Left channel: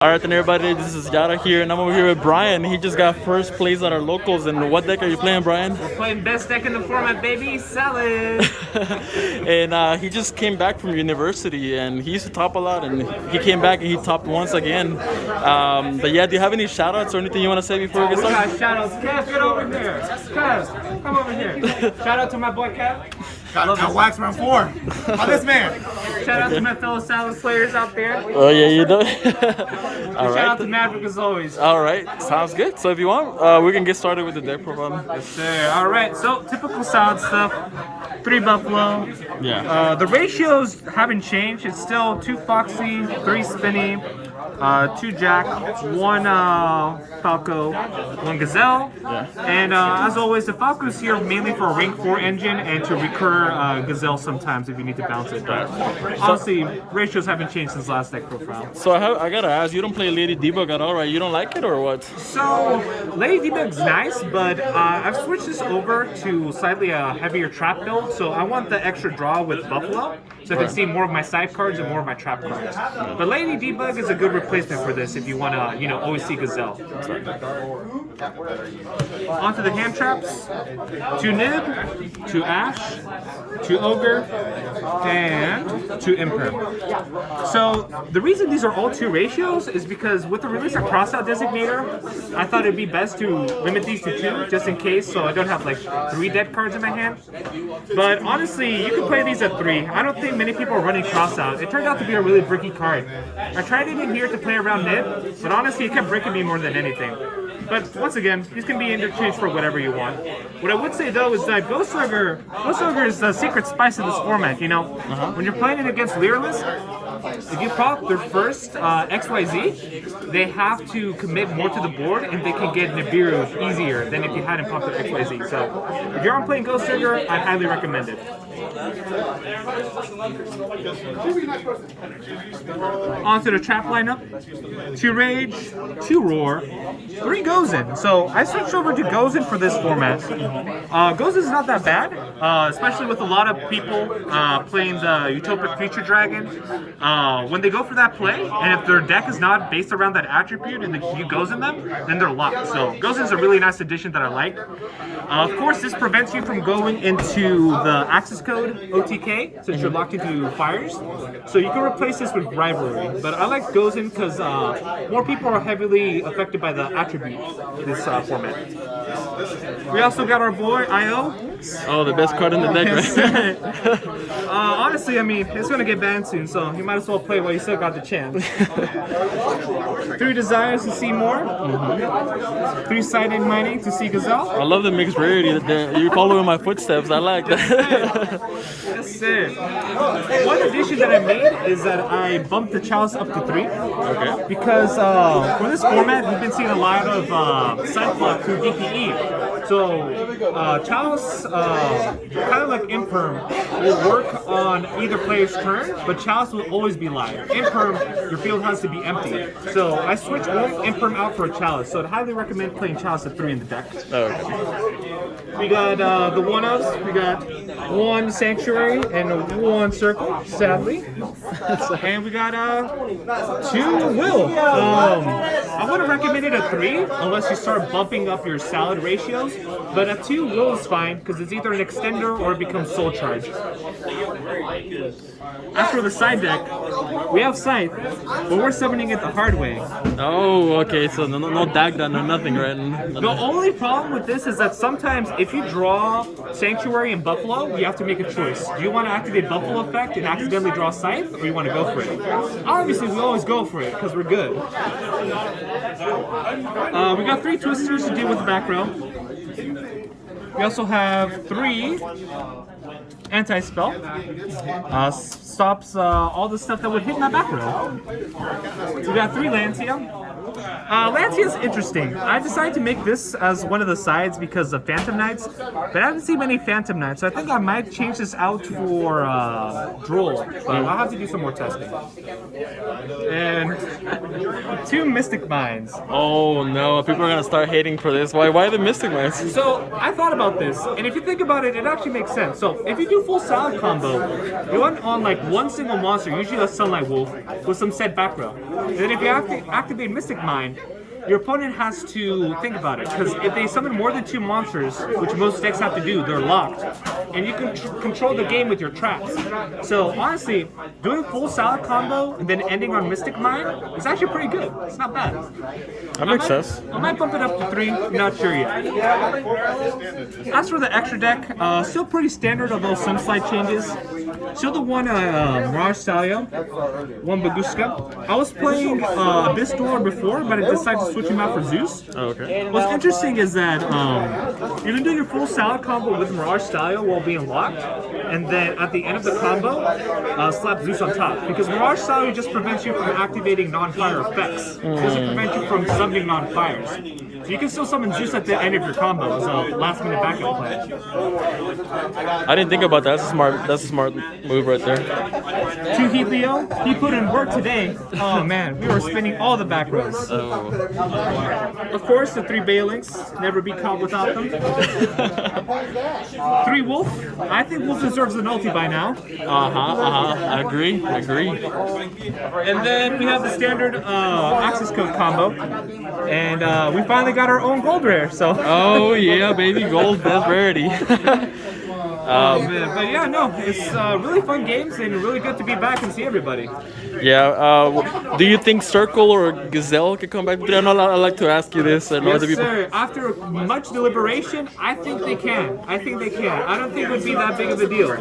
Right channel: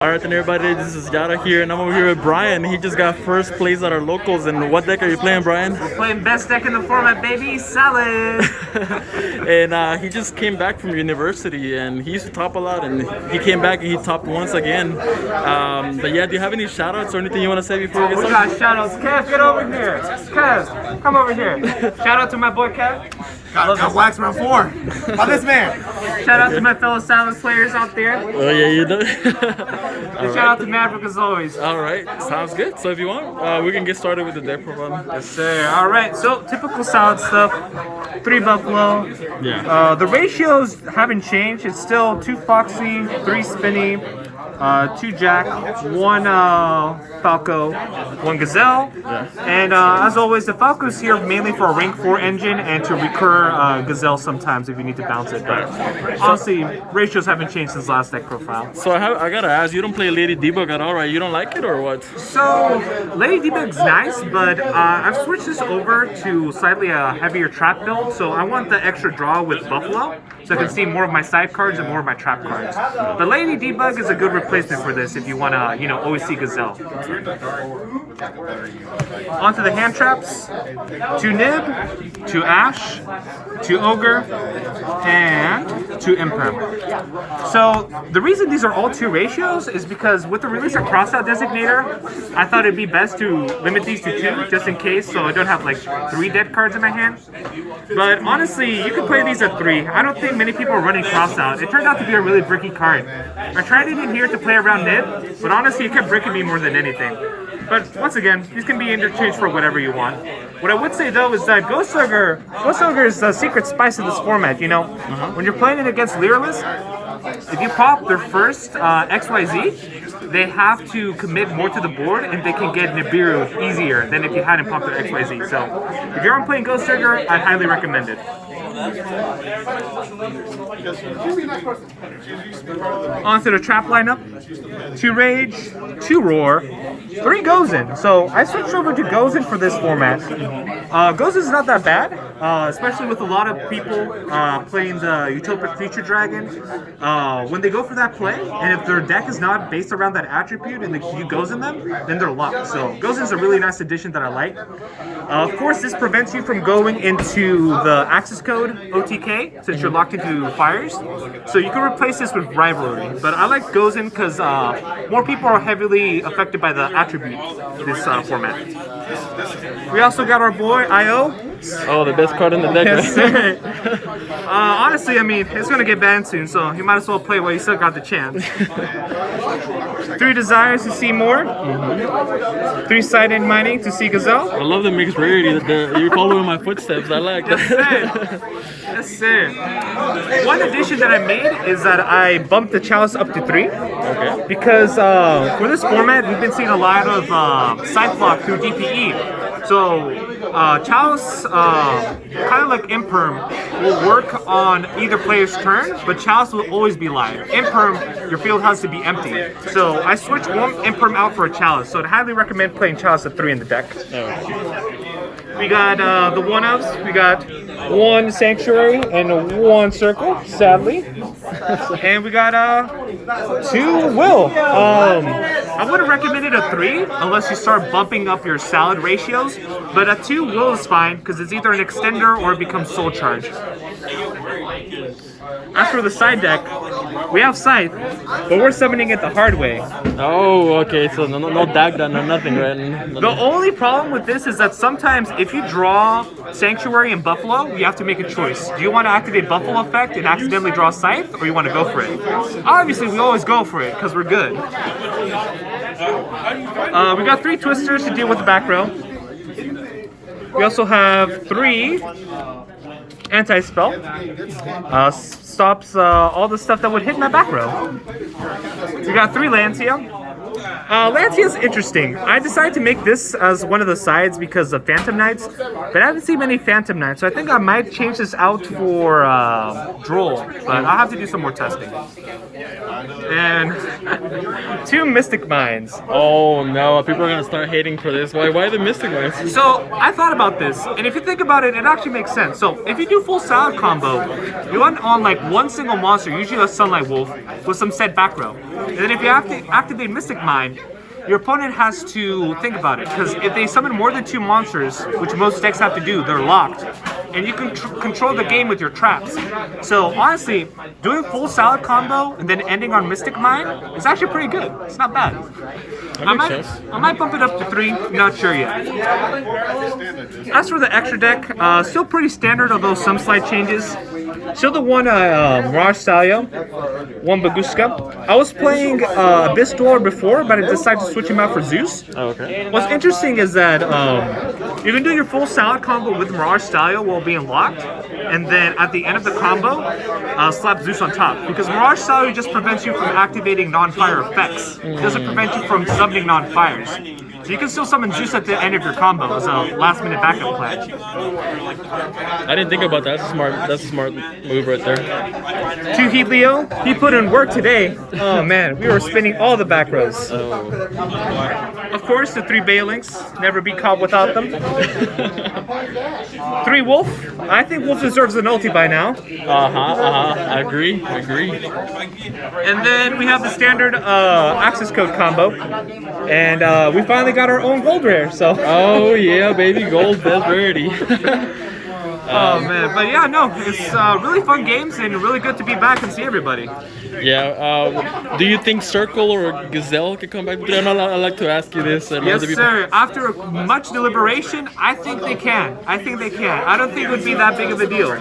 Alright then everybody, this is Yara here and I'm over here with Bryan. He just got first place at our locals. And what deck are you playing, Bryan? We're playing best deck in the format, baby, Salad! And he just came back from university and he used to top a lot and he came back and he topped once again. But yeah, do you have any shout outs or anything you want to say before we get started? We got shout outs. Kev, get over here! Kev, come over here. Shout out to my boy Kev. Got wax round 4 by this man. Shout out to my fellow Salad players out there. Oh yeah, you know. Shout out to Maverick as always. Alright, sounds good. So if you want, we can get started with the deck profile. Yes sir. Alright, so typical Salad stuff. 3 Buffalo. Yeah. The ratios haven't changed. It's still 2 Foxy, 3 Spinny, 2 Jack, 1 Falco, 1 Gazelle. Yeah. And as always, the Falco's here mainly for a rank 4 engine and to recur Gazelle sometimes if you need to bounce it. But honestly, ratios haven't changed since last deck profile. So I gotta ask, you don't play Lady Debug at all, right? You don't like it or what? So, Lady Debug's nice, but I've switched this over to slightly a heavier trap build. So I want the extra draw with Buffalo, so I can see more of my side cards and more of my trap cards. But Lady Debug is a good replacement for this if you want to, always see Gazelle. Onto the hand traps. 2 Nib, 2 Ash, 2 Ogre, and 2 Imperm. So the reason these are all 2 ratios is because with the release of Crossout Designator, I thought it'd be best to limit these to 2 just in case, so I don't have like 3 dead cards in my hand. But honestly, you can play these at 3. I don't think many people are running Crossout. It turned out to be a really bricky card. I tried it in here to play around Nib, but honestly it kept bricking me more than anything. But once again, these can be interchanged for whatever you want. What I would say though is that Ghost Ogre is the secret spice of this format, When you're playing it against Lyralists, if you pop their first XYZ, they have to commit more to the board and they can get Nibiru easier than if you hadn't popped their XYZ. So if you're on playing Ghost Ogre, I'd highly recommend it. Onto the trap lineup. 2 Rage, 2 Roar, 3 Gozen. So I switched over to Gozen for this format. Gozen's not that bad, especially with a lot of people playing the Utopic Future Dragon. When they go for that play, and if their deck is not based around that attribute and you Gozen them, then they're locked. So Gozen's a really nice addition that I like. Of course, this prevents you from going into the access code OTK since you're locked into fires. So you can replace this with Rivalry. But I like Gozen because more people are heavily affected by the attribute this format. We also got our boy IO. Oh, the best card in the deck, right? Honestly, I mean, it's going to get banned soon, so you might as well play while you still got the chance. 3 Desires to see more. 3 Side-End Mining to see Gazelle. I love the mixed rarity. You're following my footsteps. I like that. Yes, sir. One addition that I made is that I bumped the Chalice up to 3. Okay. Because for this format, we've been seeing a lot of side block through DPE. So Chalice, kind of like Imperm, will work on either player's turn, but Chalice will always be live. Imperm, your field has to be empty. So I switched 1 Imperm out for a Chalice, so I'd highly recommend playing Chalice at 3 in the deck. Oh, okay. We got the 1-ofs, we got 1 Sanctuary and 1 Circle, sadly. And we got 2 Will. I wouldn't recommend it at 3 unless you start bumping up your Salad ratios, but at 2 Will is fine because it's either an extender or it becomes Soul Charge. As for the side deck, we have Scythe, but we're summoning it the hard way. Oh, okay. So no Dagda, no nothing, right? The only problem with this is that sometimes if you draw Sanctuary and Buffalo, you have to make a choice. Do you want to activate Buffalo effect and accidentally draw Scythe, or you want to go for it? Obviously, we always go for it because we're good. We got 3 Twisters to deal with the back row. We also have 3 Anti-Spell. Stops all the stuff that would hit in that back row. We got 3 Lancia. Lancia's interesting. I decided to make this as one of the sides because of Phantom Knights, but I haven't seen many Phantom Knights, so I think I might change this out for Droll, but I'll have to do some more testing. And 2 Mystic Mines. Oh no, people are gonna start hating for this. Why the Mystic Mines? So I thought about this, and if you think about it, it actually makes sense. So if you do full Salad combo, you want on like 1 single monster, usually a Sunlight Wolf, with some said back row. And then if you activate Mystic Mind, your opponent has to think about it, because if they summon more than 2 monsters, which most decks have to do, they're locked. And you can control the game with your traps. So honestly, doing full salad combo and then ending on Mystic Mind is actually pretty good. It's not bad. That makes sense. I might bump it up to 3, not sure yet. As for the extra deck, still pretty standard, although some slight changes. Still the one Mirage Salio, one Baguska. I was playing Abyss Dweller before, but I decided to switch him out for Zeus. Oh, okay. What's interesting is that you can do your full salad combo with Mirage Salio while being locked, and then at the end of the combo, slap Zeus on top. Because Mirage Salio just prevents you from activating non-fire effects. It doesn't prevent you from summoning non-fires. So you can still summon Zeus at the end of your combo as a last-minute backup plan. I didn't think about that. That's a smart move right there. 2 Heat Leo, he put in work today. Oh man, we were spinning all the back rows. Oh. Of course, the 3 Balinks, never be caught without them. 3 Wolf, I think Wolf deserves an ulti by now. I agree. And then we have the standard access code combo. And we finally got our own gold rare, so. Oh yeah, baby, gold best rarity. Oh man, but yeah, no, it's really fun games and really good to be back and see everybody. Yeah, do you think Circle or Gazelle could come back? I know I like to ask you this. Yes, sir. After much deliberation, I think they can. I don't think it would be that big of a deal.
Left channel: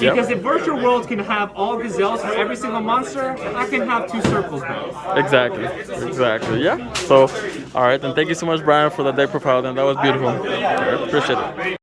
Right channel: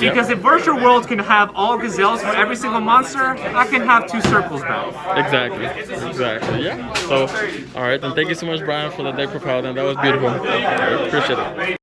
Because if Virtual World can have all Gazelles for every single monster, I can have 2 Circles back. Exactly. Yeah. So, all right, then thank you so much, Brian, for the deck profile. Then that was beautiful. I appreciate it.